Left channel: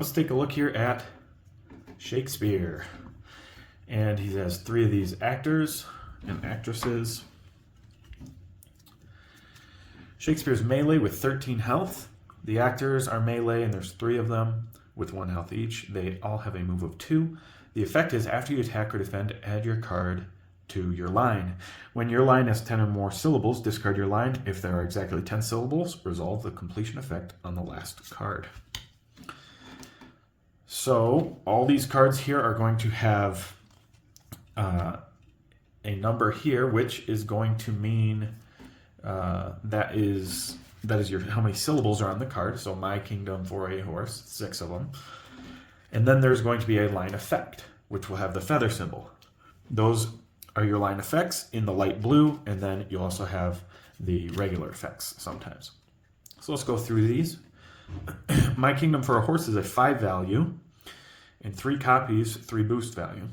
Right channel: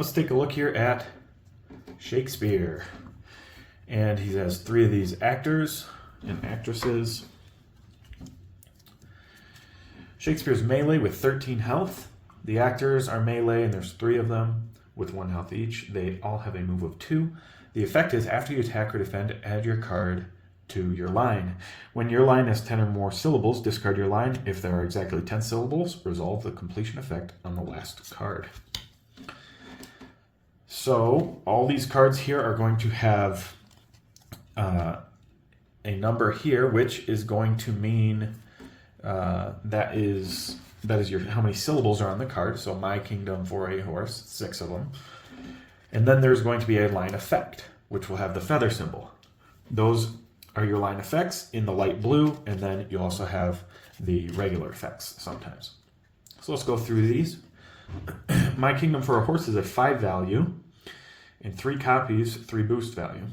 Let's take a look here at Shakespeare. And he has 3 of these actors and actresses. Shakespeare's melee with 13 health. The actors are melee, and there's 3 of them with 1 health each. They all have a move of 2. The effect is after you attack or defend, add your card to your line. When your line is 10 or more syllables, discard your line. If there are exactly 10 syllables, resolve the completion effect on the last card. So all these cards here are going to have a number here, which is going to mean that is your how many syllables are on the card. So my kingdom for a horse, 6 of them. And then there's going to be a line effect, which will have the feather symbol. Those are your line effects in the light blue, and then you also have the regular effects sometimes. So let's go through these. My kingdom for a horse is a 5 value, and 3 copies, 3 boost value.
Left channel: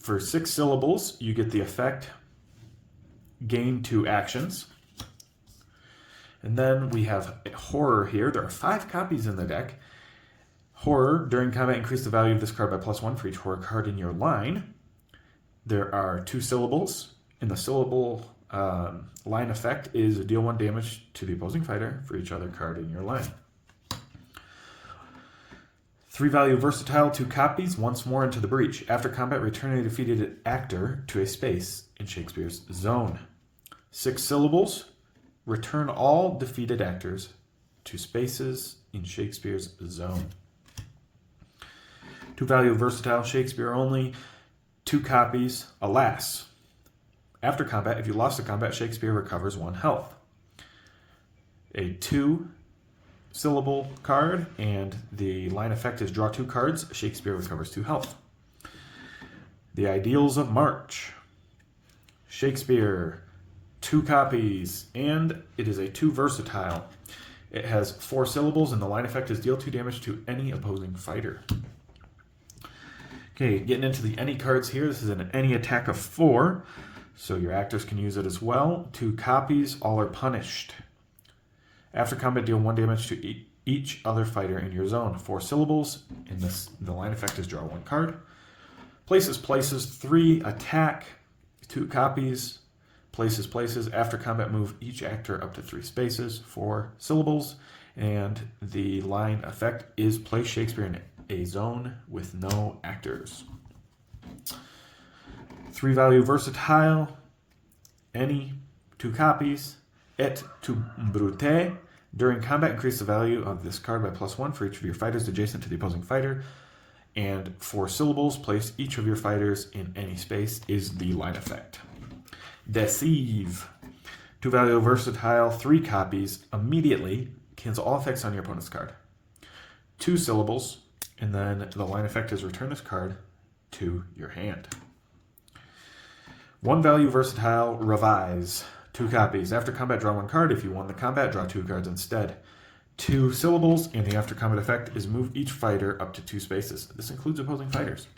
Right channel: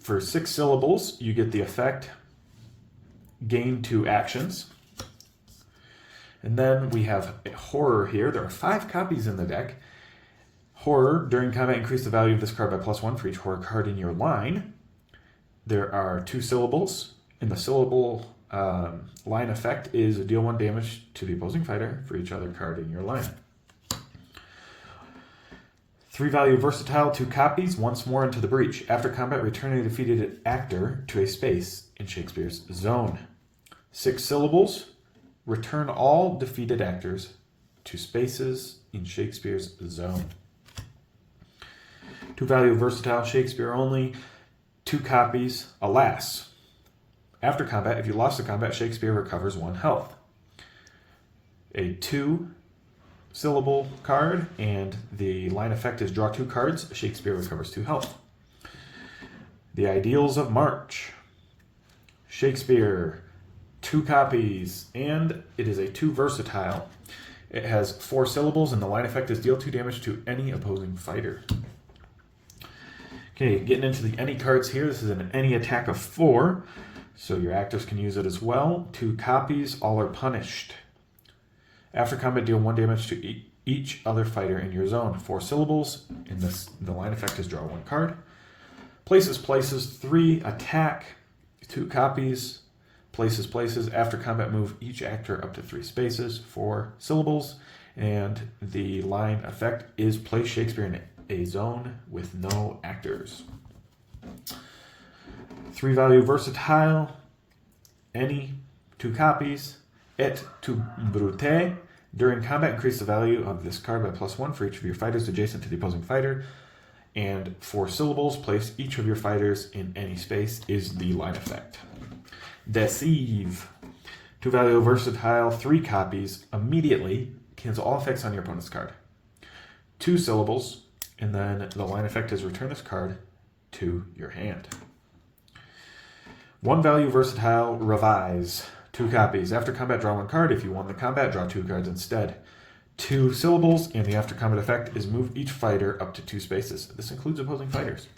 For 6 syllables, you get the effect, gain 2 actions. And then we have a horror here. There are 5 copies in the deck. Horror, during combat, increase the value of this card by +1 for each horror card in your line. There are 2 syllables, and the syllable line effect is deal 1 damage to the opposing fighter for each other card in your line. 3 value versatile, 2 copies, once more into the breach. After combat, return a defeated actor to a space in Shakespeare's zone. 6 syllables, return all defeated actors to spaces in Shakespeare's zone. 2 value versatile, Shakespeare only, 2 copies, alas. After combat, if you lost the combat, Shakespeare recovers 1 health. A 2 syllable card, and the line effect is draw 2 cards, Shakespeare recovers 2 health. The Ideals of March. Shakespeare, 2 copies, and it is a 2 versatile. It has 4 syllables, and the line effect is deal 2 damage to any opposing fighter. Okay, getting into the any cards here. This is an any attack of 4, so your actors can use it as well. 2 copies, all are punished. After combat, deal 1 damage to each other fighter in your zone. 4 syllables, and the line effect is draw 1 card. Places, 3 attack, 2 copies. Places. After combat, move each actor up to 3 spaces, 4 syllables, and the line effect is place Shakespeare in a zone with no actors. 3 value versatile, any, 2 copies, it to brute. During combat, increase the value of this card by +1 for each of your fighters adjacent to the opposing fighter, and 4 syllables, place each of your fighters in any space is the line effect. Deceive. 2 value versatile, 3 copies, immediately cancel all effects on your opponent's card. 2 syllables, and then the line effect is return this card to your hand. 1 value versatile, revise. 2 copies. After combat, draw 1 card. If you won the combat, draw 2 cards instead. 2 syllables, and the after combat effect is move each fighter up to 2 spaces. This includes opposing fighters.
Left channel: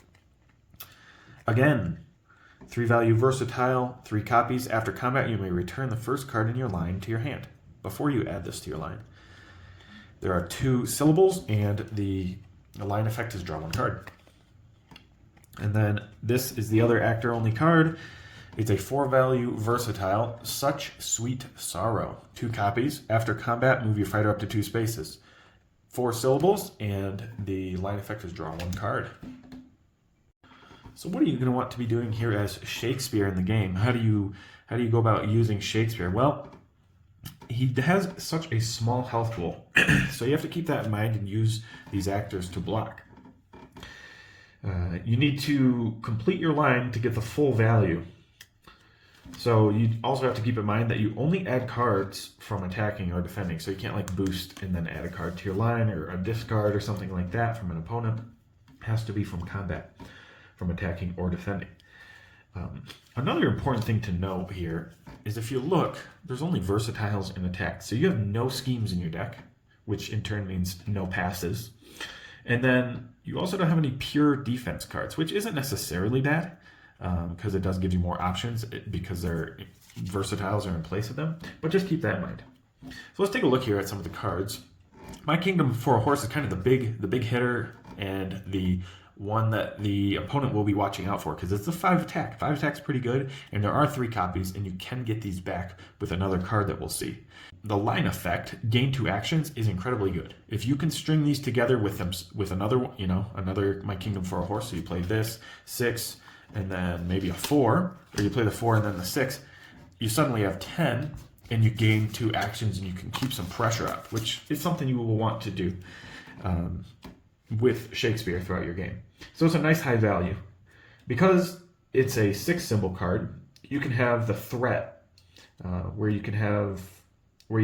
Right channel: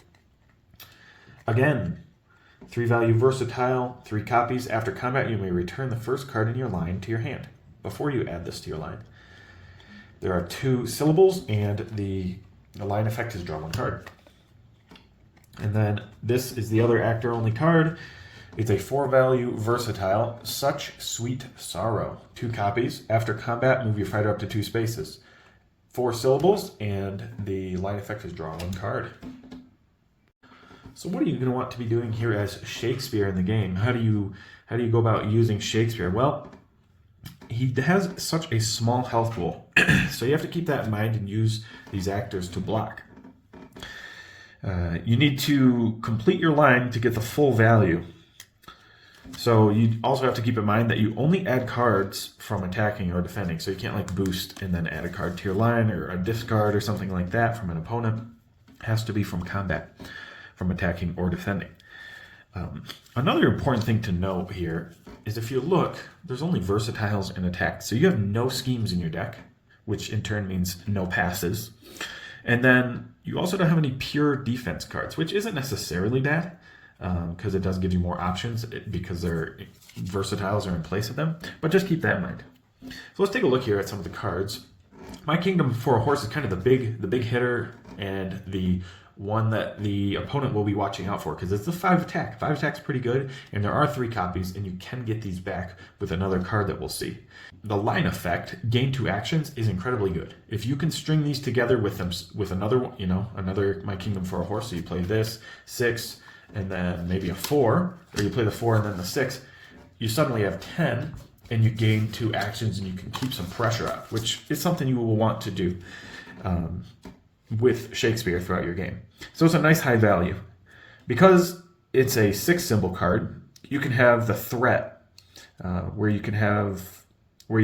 Again, 3 value versatile, 3 copies. After combat, you may return the first card in your line to your hand before you add this to your line. There are 2 syllables, and the line effect is draw 1 card. And then this is the other actor only card. It's a 4 value versatile, Such Sweet Sorrow. 2 copies. After combat, move your fighter up to 2 spaces. 4 syllables, and the line effect is draw 1 card. So what are you going to want to be doing here as Shakespeare in the game? How do you go about using Shakespeare? Well, he has such a small health pool, so you have to keep that in mind and use these actors to block. You need to complete your line to get the full value. So you also have to keep in mind that you only add cards from attacking or defending, so you can't like boost and then add a card to your line or a discard or something like that from an opponent. It has to be from combat, from attacking or defending. Another important thing to note here is if you look, there's only versatiles and attacks. So you have no schemes in your deck, which in turn means no passes. And then you also don't have any pure defense cards, which isn't necessarily bad, because it does give you more options because their versatiles are in place of them. But just keep that in mind. So let's take a look here at some of the cards. My Kingdom for a Horse is kind of the big hitter and the one that the opponent will be watching out for because it's a 5 attack. 5 attack's pretty good, and there are 3 copies, and you can get these back with another card that we'll see. The line effect, gain 2 actions, is incredibly good. If you can string these together with them with another one, another My Kingdom for a Horse, so you play this 6 and then maybe a 4, or you play the 4 and then the 6, you suddenly have 10. And you gain 2 actions, and you can keep some pressure up, which is something you will want to do with Shakespeare throughout your game. So it's a nice high value. Because it's a 6 symbol card, you can have the threat, where you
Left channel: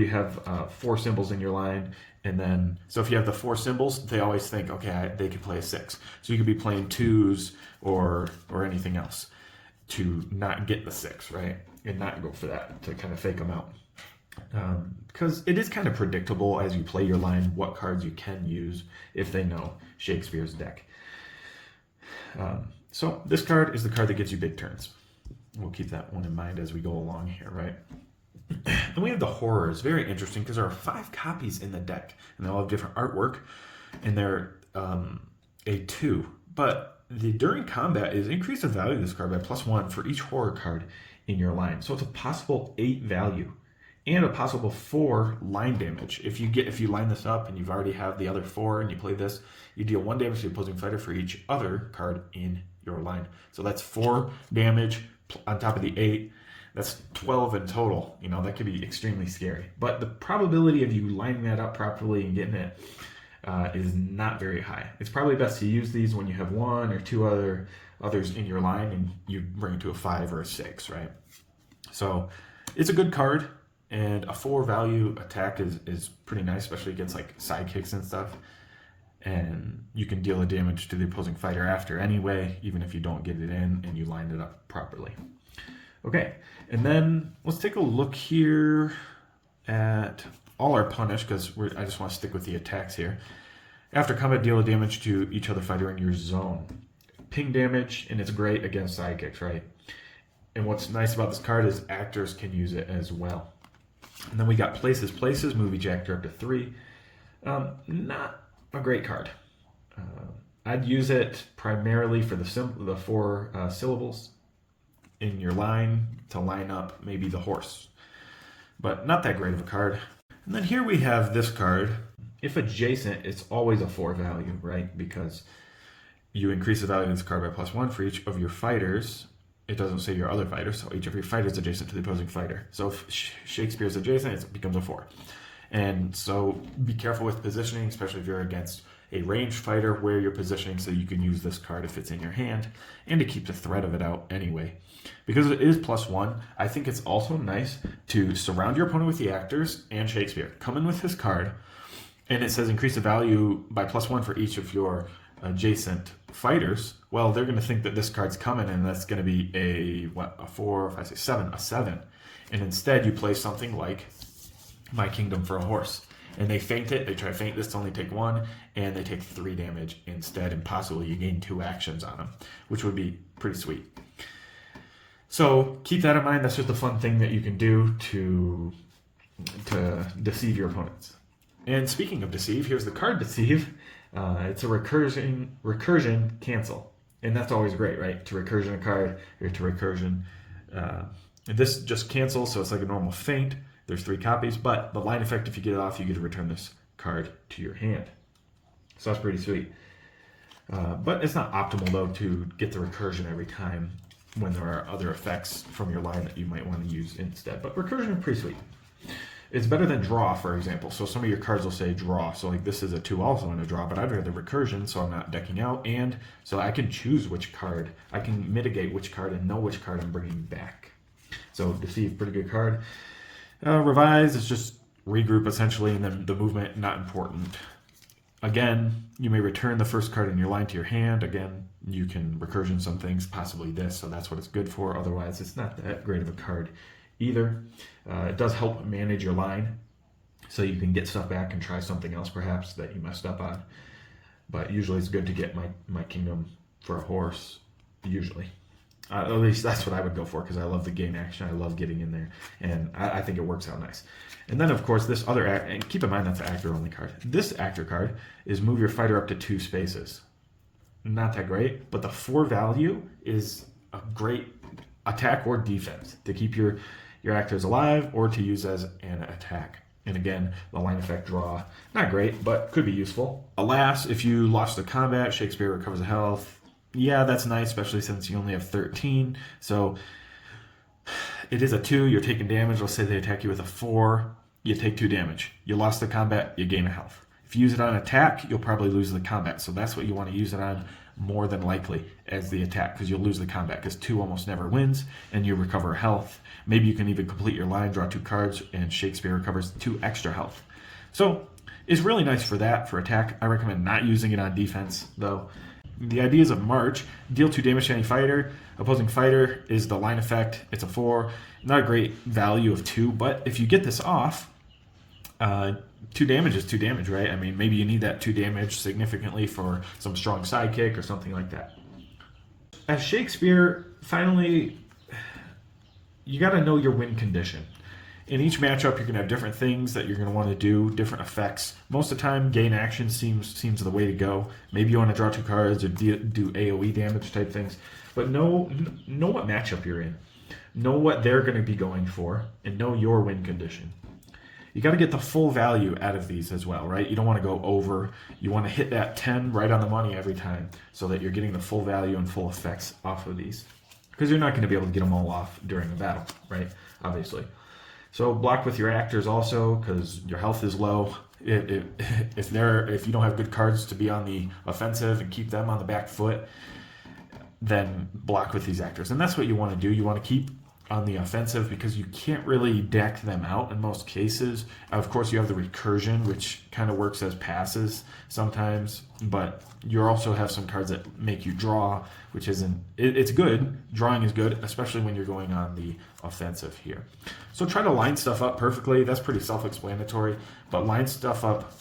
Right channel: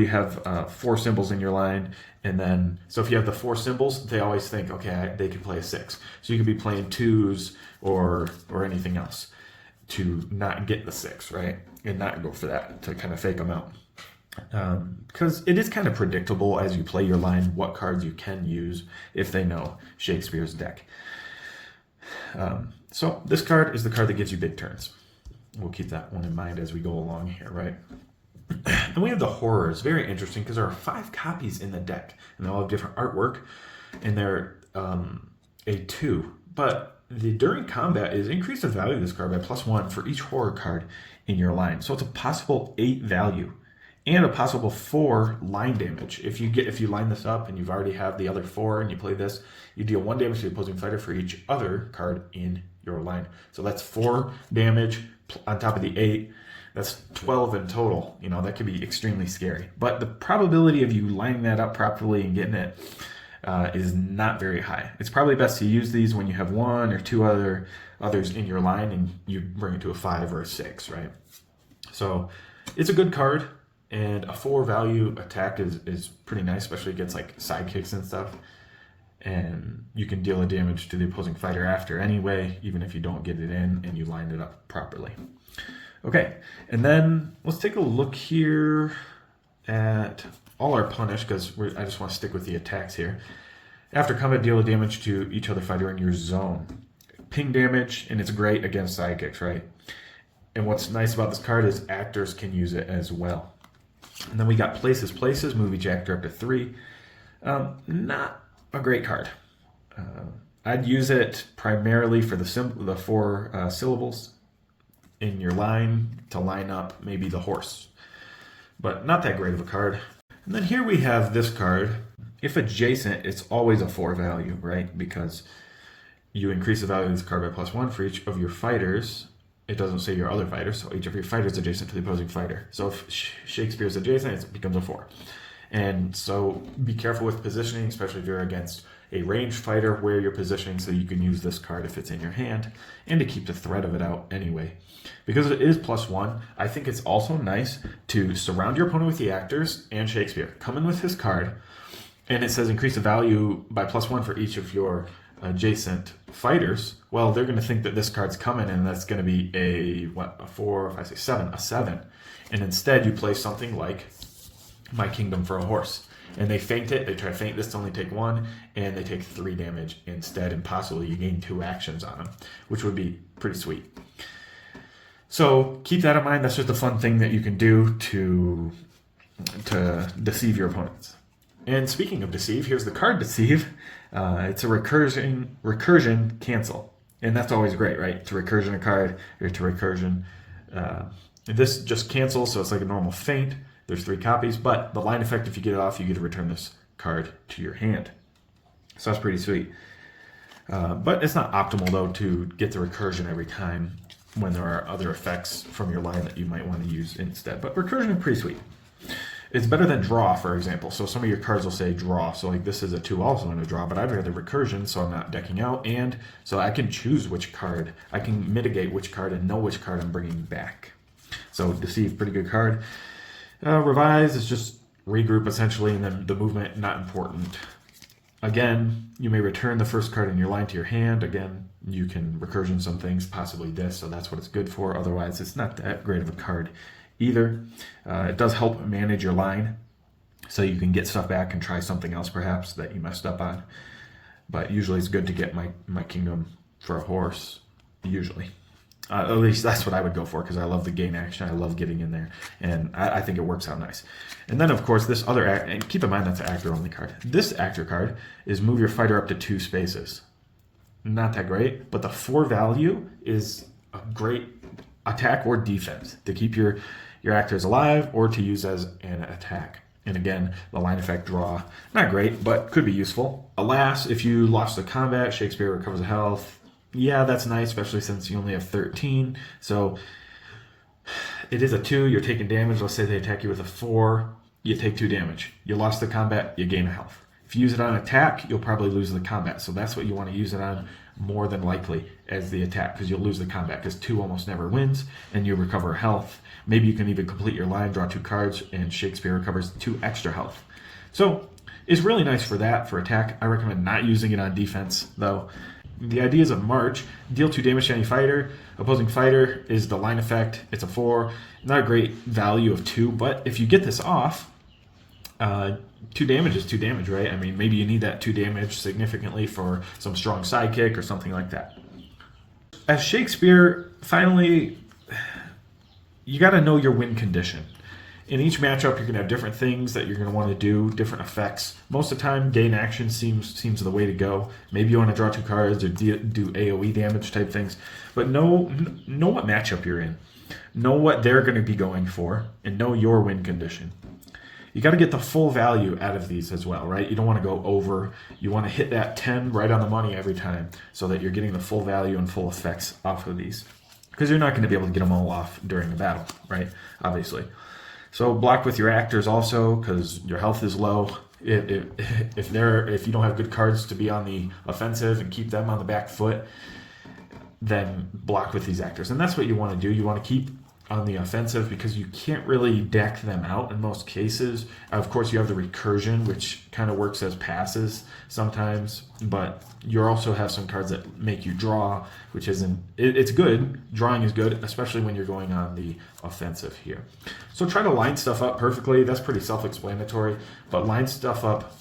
have 4 symbols in your line, and then, so if you have the 4 symbols, they always think, okay, they could play a 6. So you can be playing 2s or anything else to not get the 6, right? And not go for that, to kind of fake them out. Because it is kind of predictable as you play your line what cards you can use if they know Shakespeare's deck. So this card is the card that gives you big turns. We'll keep that one in mind as we go along here, right? Then we have the Horrors. Very interesting because there are 5 copies in the deck, and they all have different artwork, and they're a 2. But the during combat is increase the value of this card by +1 for each horror card in your line. So it's a possible 8 value and a possible 4 line damage. If you line this up and you've already have the other 4 and you play this, you deal 1 damage to the opposing fighter for each other card in your line. So that's 4 damage on top of the 8. That's 12 in total. That could be extremely scary. But the probability of you lining that up properly and getting it is not very high. It's probably best to use these when you have 1 or 2 others in your line and you bring it to a 5 or a 6, right? So it's a good card, and a 4 value attack is pretty nice, especially against like sidekicks and stuff. And you can deal a damage to the opposing fighter after anyway, even if you don't get it in and you lined it up properly. Okay, and then let's take a look here at all our punish, because I just want to stick with the attacks here. After combat, deal a damage to each other fighter in your zone. Ping damage, and it's great against sidekicks, right? And what's nice about this card is actors can use it as well. And then we got Places, Movie Jack up to 3. Not a great card. I'd use it primarily for the 4 syllables in your line to line up maybe the horse. But not that great of a card. And then here we have this card. If adjacent, it's always a 4 value, right? Because you increase the value of this card by +1 for each of your fighters. It doesn't say your other fighters, so each of your fighters adjacent to the opposing fighter. So if Shakespeare's adjacent, it becomes a 4. And so be careful with positioning, especially if you're against a ranged fighter where you're positioning, so you can use this card if it's in your hand, and to keep the threat of it out anyway. Because it is +1, I think it's also nice to surround your opponent with the actors and Shakespeare. Come in with his card, and it says increase the value by +1 for each of your adjacent fighters. Well, they're going to think that this card's coming, and that's going to be a 4, 5, 6, 7, a 7. And instead, you play something like My Kingdom for a Horse. And they feint it, they try to feint this to only take 1, and they take 3 damage instead, and possibly you gain 2 actions on them, which would be pretty sweet. So keep that in mind. That's just a fun thing that you can do to deceive your opponents. And speaking of deceive, here's the card Deceive. It's a recursion cancel. And that's always great, right? To recursion a card, or to recursion. This just cancels, so it's like a normal feint. There's 3 copies, but the line effect, if you get it off, you get to return this card to your hand. So that's pretty sweet. But it's not optimal, though, to get the recursion every time when there are other effects from your line that you might want to use instead. But recursion is pretty sweet. It's better than draw, for example. So some of your cards will say draw. So like this is a 2 also in a draw, but I'd rather recursion, so I'm not decking out. And so I can choose which card. I can mitigate which card and know which card I'm bringing back. So Deceive, pretty good card. Revise is just regroup, essentially, and then the movement, not important. Again, you may return the first card in your line to your hand. Again, you can recursion some things, possibly this, so that's what it's good for. Otherwise, it's not that great of a card either. It does help manage your line, so you can get stuff back and try something else perhaps that you messed up on. But usually it's good to get my Kingdom for a Horse, usually. At least that's what I would go for, because I love the gain action. I love getting in there, and I think it works out nice. And then, of course, this other act, and keep in mind that's an actor-only card. This actor card is move your fighter up to 2 spaces. Not that great, but the 4 value is a great attack or defense to keep your actors alive or to use as an attack. And again, the line effect draw, not great, but could be useful. Alas, if you lost a combat, Shakespeare recovers health. Yeah, that's nice, especially since you only have 13. So it is a 2, you're taking damage. Let's say they attack you with a 4, you take 2 damage. You lost the combat, you gain a health. If you use it on attack, you'll probably lose the combat. So that's what you want to use it on more than likely as the attack, because you'll lose the combat, because 2 almost never wins, and you recover health. Maybe you can even complete your line, draw 2 cards, and Shakespeare recovers 2 extra health. So it's really nice for that, for attack. I recommend not using it on defense, though. The ideas of March: deal 2 damage to any fighter. Opposing fighter is the line effect. It's a 4. Not a great value of 2, but if you get this off, 2 damage is 2 damage, right? I mean, maybe you need that 2 damage significantly for some strong sidekick or something like that. As Shakespeare, finally, you got to know your win condition. In each matchup, you're going to have different things that you're going to want to do, different effects. Most of the time, gain action seems the way to go. Maybe you want to draw 2 cards or do AoE damage type things. But know what matchup you're in. Know what they're going to be going for, and know your win condition. You got to get the full value out of these as well, right? You don't want to go over. You want to hit that 10 right on the money every time, so that you're getting the full value and full effects off of these. Because you're not going to be able to get them all off during a battle, right? Obviously. So block with your actors also, because your health is low. If you don't have good cards to be on the offensive and keep them on the back foot, then block with these actors. And that's what you want to do. You want to keep on the offensive, because you can't really deck them out in most cases. Of course, you have the recursion, which kind of works as passes sometimes, but you also have some cards that make you draw, which isn't, it's good. Drawing is good, especially when you're going on the offensive here. So try to line stuff up perfectly. That's pretty self-explanatory, but line stuff up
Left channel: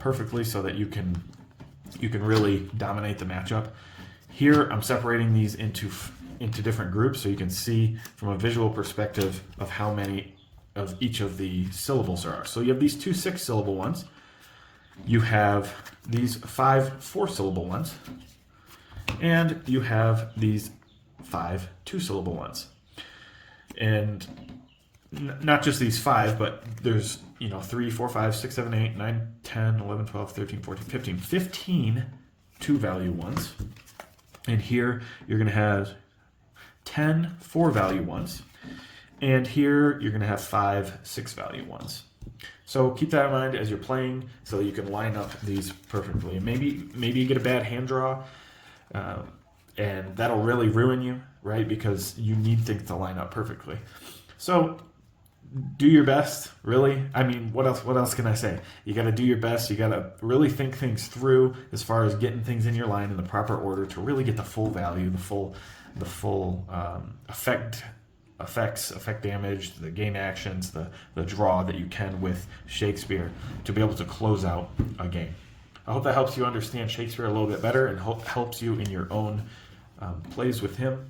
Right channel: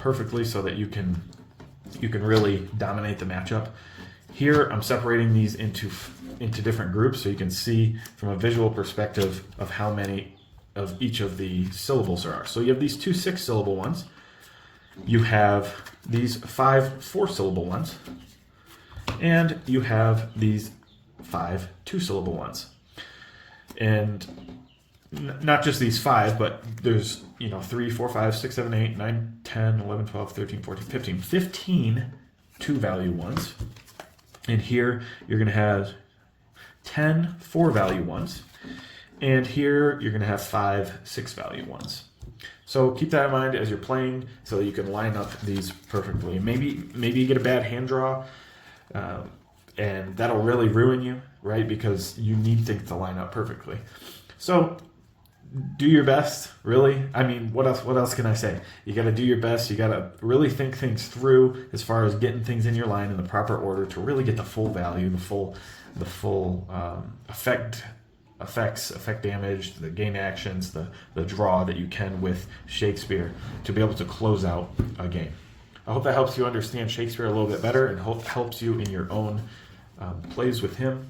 perfectly so that you can really dominate the matchup. Here, I'm separating these into different groups so you can see from a visual perspective of how many of each of the syllables there are. So you have these 2 6-syllable ones. You have these 5 4-syllable ones. And you have these 5 2-syllable ones. And not just these 5, but there's 3, 4, 5, 6, 7, 8, 9, 10, 11, 12, 13, 14, 15. 15 2-value ones. And here you're going to have 10 4-value ones. And here you're going to have 5 6-value ones. So keep that in mind as you're playing, so that you can line up these perfectly. Maybe you get a bad hand draw, and that'll really ruin you, right? Because you need things to line up perfectly. So do your best, really. I mean, what else can I say? You got to do your best. You got to really think things through as far as getting things in your line in the proper order to really get the full value, the full effect damage, the gain actions, the draw that you can with Shakespeare to be able to close out a game. I hope that helps you understand Shakespeare a little bit better and helps you in your own plays with him.